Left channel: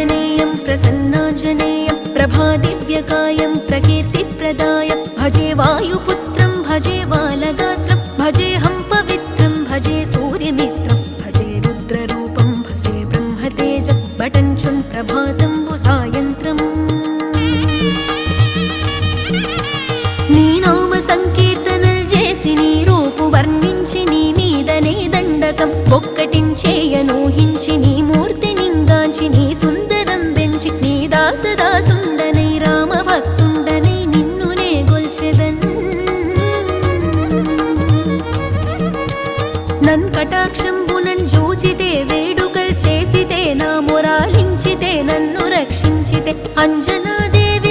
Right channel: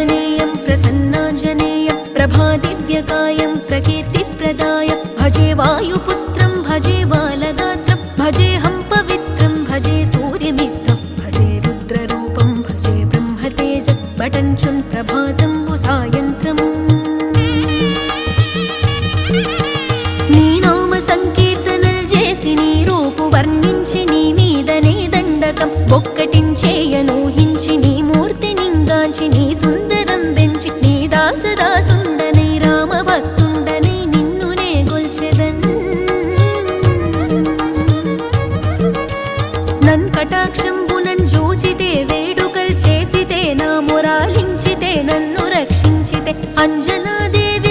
आञ्जनेयं प्रसन्नाञ्जनेयं प्रभादिव्यकायं प्रकीर्तिप्रदाय भजे वायुपुत्रं भजे बालगात्रं भजेऽहं पवित्रं भजे सूर्यमित्रं भजे रुद्ररूपं भजे ब्रह्मतेजं बटञ्चुन् प्रभातं सायन्त्रम् నీ నామ సంకీర్తనలు చేసి నీ రూపు వర్ణించి నీ మీదనే దండకం ఒక్కటించేయనూహించి నీ మూర్తి నింగాంచి నీ సుందరం పెంచి నీ దాసదాసుండనై రామభక్తుండనై నిన్నునే గొల్చెదన్ నన్ కటాక్షంబునన్ జూచితే వేడుకల్ చేసితే నా మొరాలించితే నన్ను రక్షించితే అంజనాదేవి